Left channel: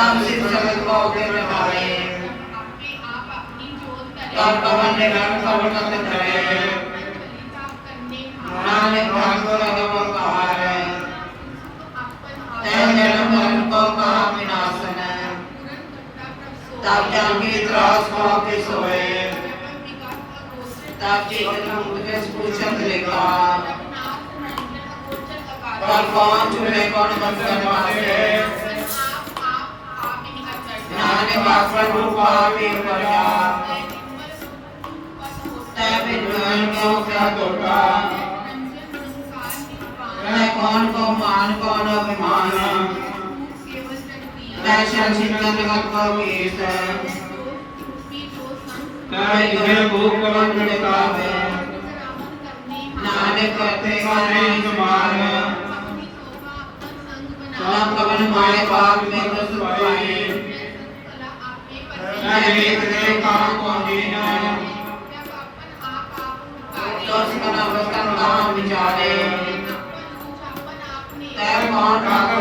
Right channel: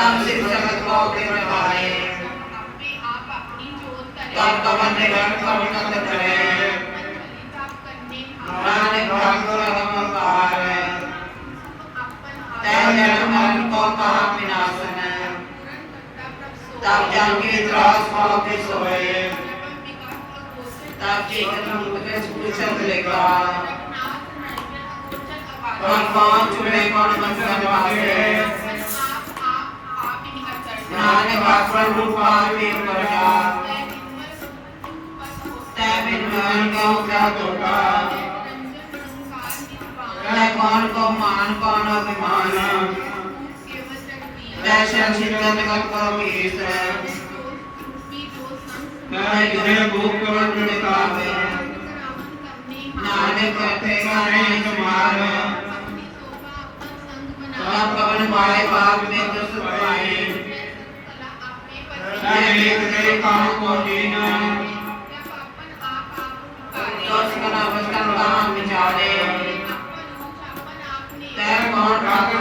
तम सिद्धमत्मा उद्यमनाय तम पवन निगम सर्वण सत्रे नाम भागवर हम सहार तय जन्म अंतो का विनाशन तब जानकी त्रास वापिस होए तब चेतन मुझे स्फूर्त लेगा कौन कौन चूल्हे कौन बंधन वाले ਨਾਨਕ ਆਸਰ ਰੂਪਾ ਵੀ ਕਰਗਾ ਤੈ ਬਿਨ ਮਨ ਕੋ ਕਿਆ ਤੋਗਾ ਤੈ ਕੌਣ ਕੋ ਮਾਨ ਕੌਣ ਅਭਿਮਾਨ ਦਰਸ਼ਨ ਸਿਮਰਨ ਜਗਤ ਕੋ ਕੀਸ ਤੈ ਜਿਨੇ ਭੂਖ ਕਵਨ ਗੁਣ ਕਾਵੇ ਨਾਨਕ ਕਰਤੇ ਕਾਨੇ ਸਮਾਨ ਆਪ ਕਵਨ ਪਾਏ ਬਾਗ ਵਿਚਾਰੇ ਤੈ ਕੌਣ ਕਾਕਮ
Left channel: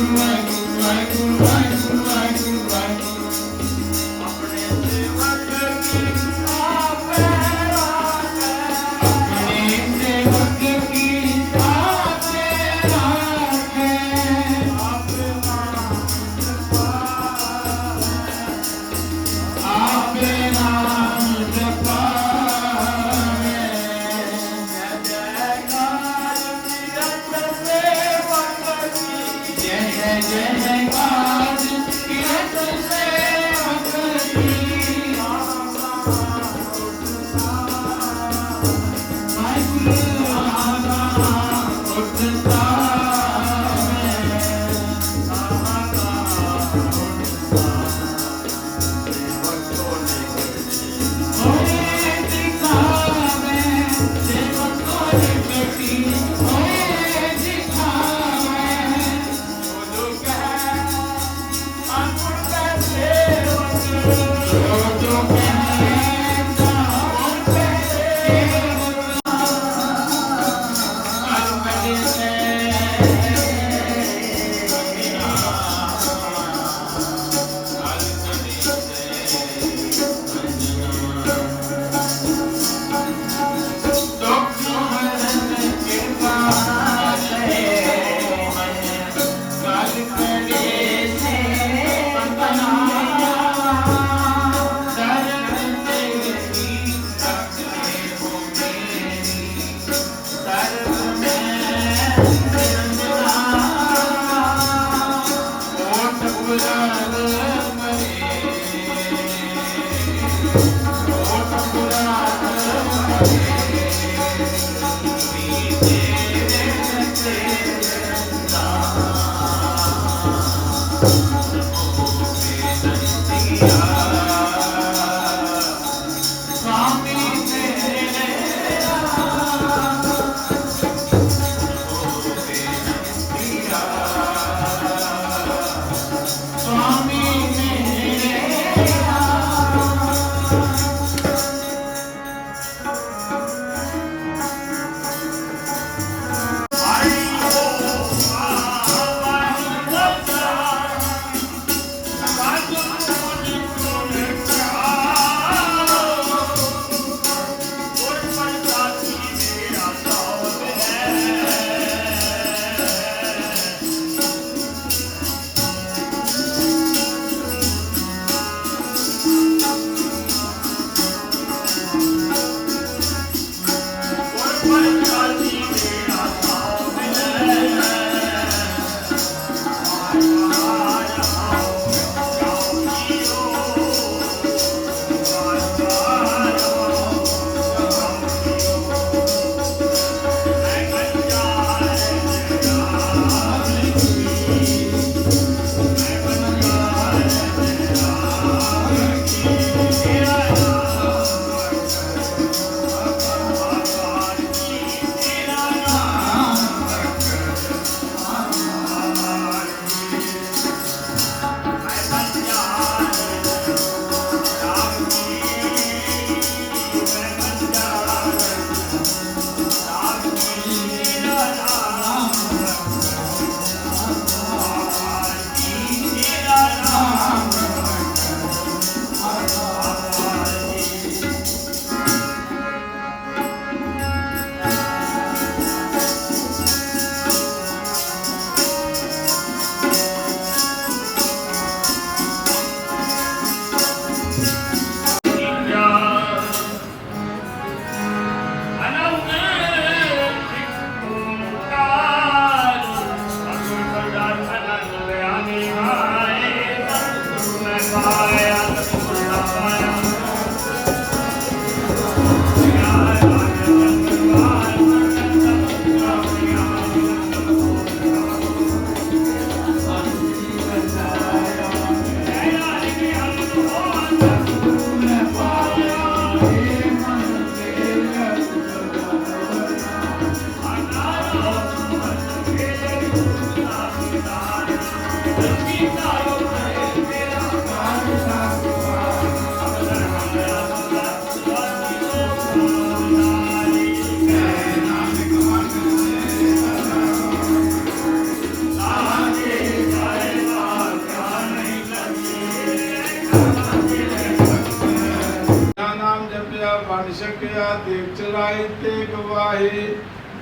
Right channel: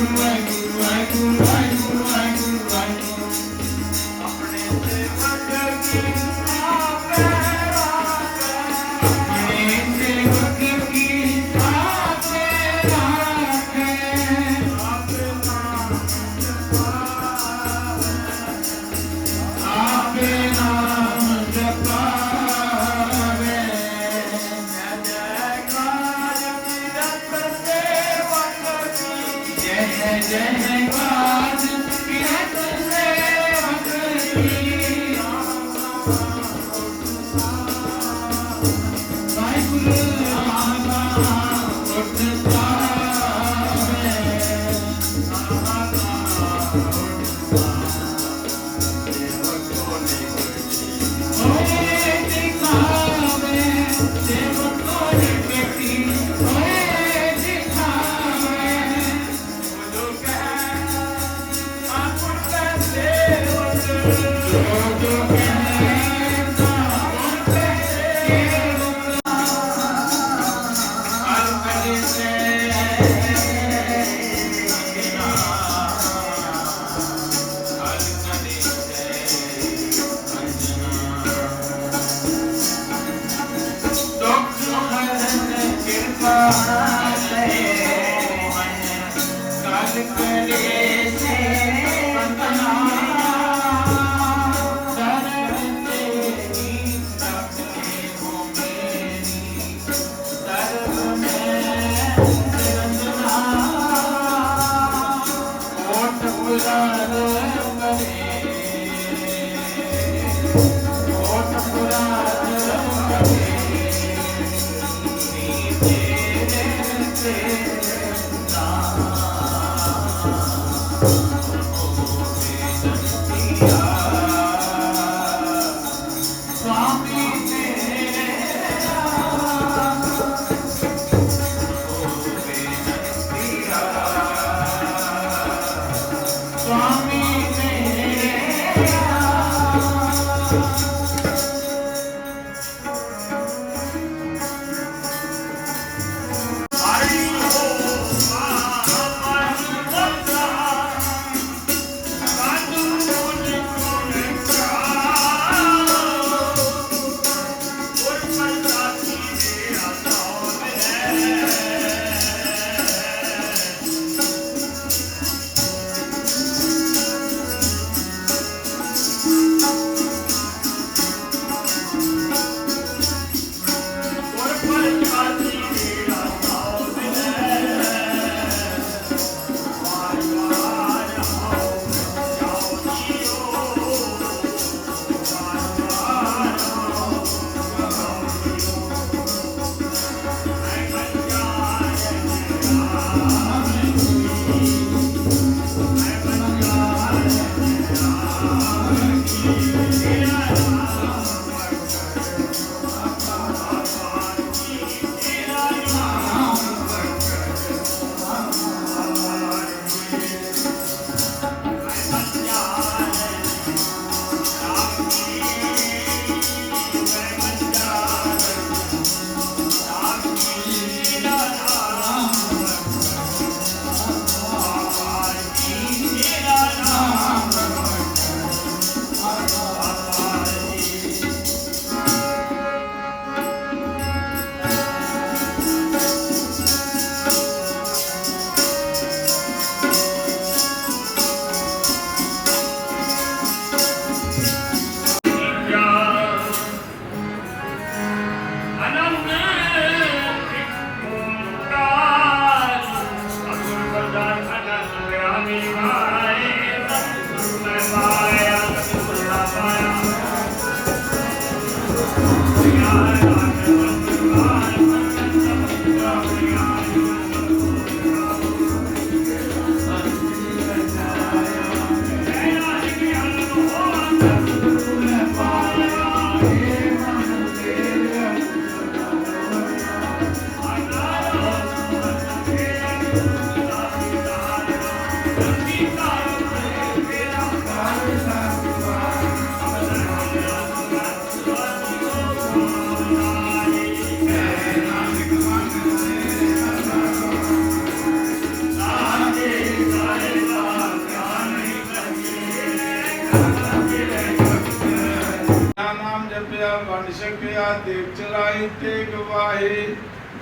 right. Música Lord.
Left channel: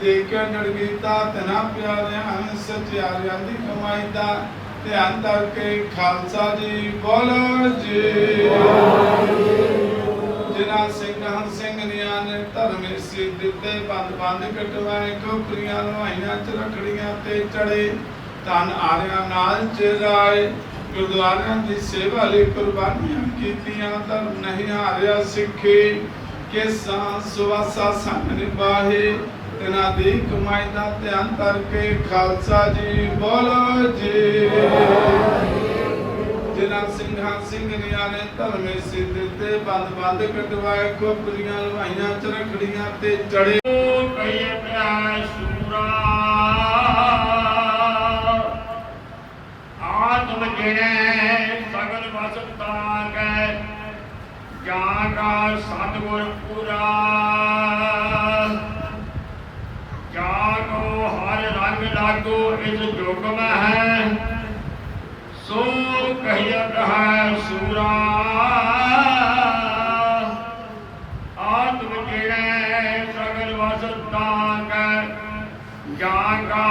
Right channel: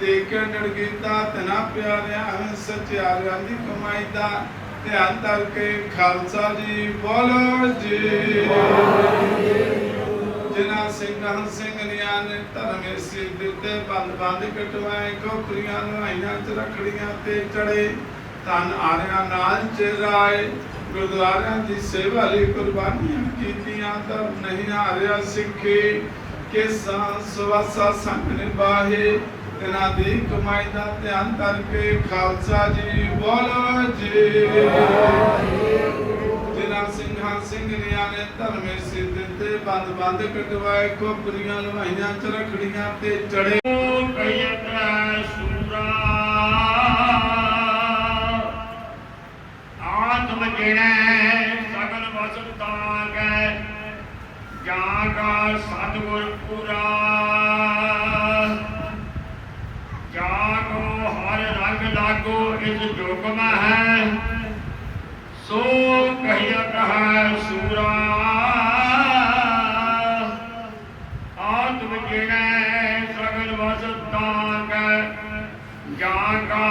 ਦੇਖਣ ਡਰ ਤਨਾ ਪਿਆਰਿਆਂ ਸਚਿਆਰਿਆਂ ਦੀ ਕਮਾਈ ਦਾ ਧਿਆਨ ਧਰ ਖਾਲਸਾ ਜੀ ਬੋਲੋ ਜੀ। ਜਿਨ੍ਹਾਂ ਸਿੰਘਾਂ ਸਿੰਘਨੀਆਂ ਨੇ ਧਰਮੇ ਸਿਰ ਦਿੱਤੇ, ਬੰਦ ਬੰਦ ਕਟਵਾਏ ਕੋਕਰੀਆਂ ਲਵਾਈਆਂ ਚ ਰਖੜੀਆਂ ਤੇ ਚੜੇ, ਧਨ ਆਰਿਆਂ ਨਾਲ ਚਰਾਏ ਗੁਰਦੁਆਰਿਆਂ ਦੀ ਸੇਵਾ ਲਈ ਕੁਰਬਾਨੀਆਂ ਕੀਤੀਆਂ, ਧਰਮ ਨਹੀਂ ਹਾਰਿਆ ਸਿੱਖੇ। ਕਿਸਾਂ, ਸੁਵਾਸਾ ਸੰਗ ਨਿਭਾਹੇ ਤਨਾ ਦੀ ਕਮਾਈ ਦਾ ਧਿਆਨ ਕਰਕੇ ਖਾਲਸਾ ਜੀ ਬੋਲੋ ਜੀ। ਜਿਨ੍ਹਾਂ ਸਿੰਘਾਂ ਸਿੰਘਨੀਆਂ ਨੇ ਧਰਮੇ ਸਿਰ ਦਿੱਤੇ ਬੰਦ ਬੰਦ ਕਟਵਾਏ ਕੋਪਰੀਆਂ ਲਵਾਈਆਂ ਚ ਤੇ ਚੜੇ। ਸਤਿਗੁਰ ਪੁਰਾ। ਹਰ ਰੰਗ ਲਾਗੋ ਇਸ ਜੁਗ ਮੈਂ ਹੈ ਸੋ ਕਹਿਆ ਕਹਾ ਸੂਰਾ ਆਤਮ ਜਿਣੈ ਸਗਲ ਵਸ ਤਾਂਗੈ ਜਾਂ ਕਾ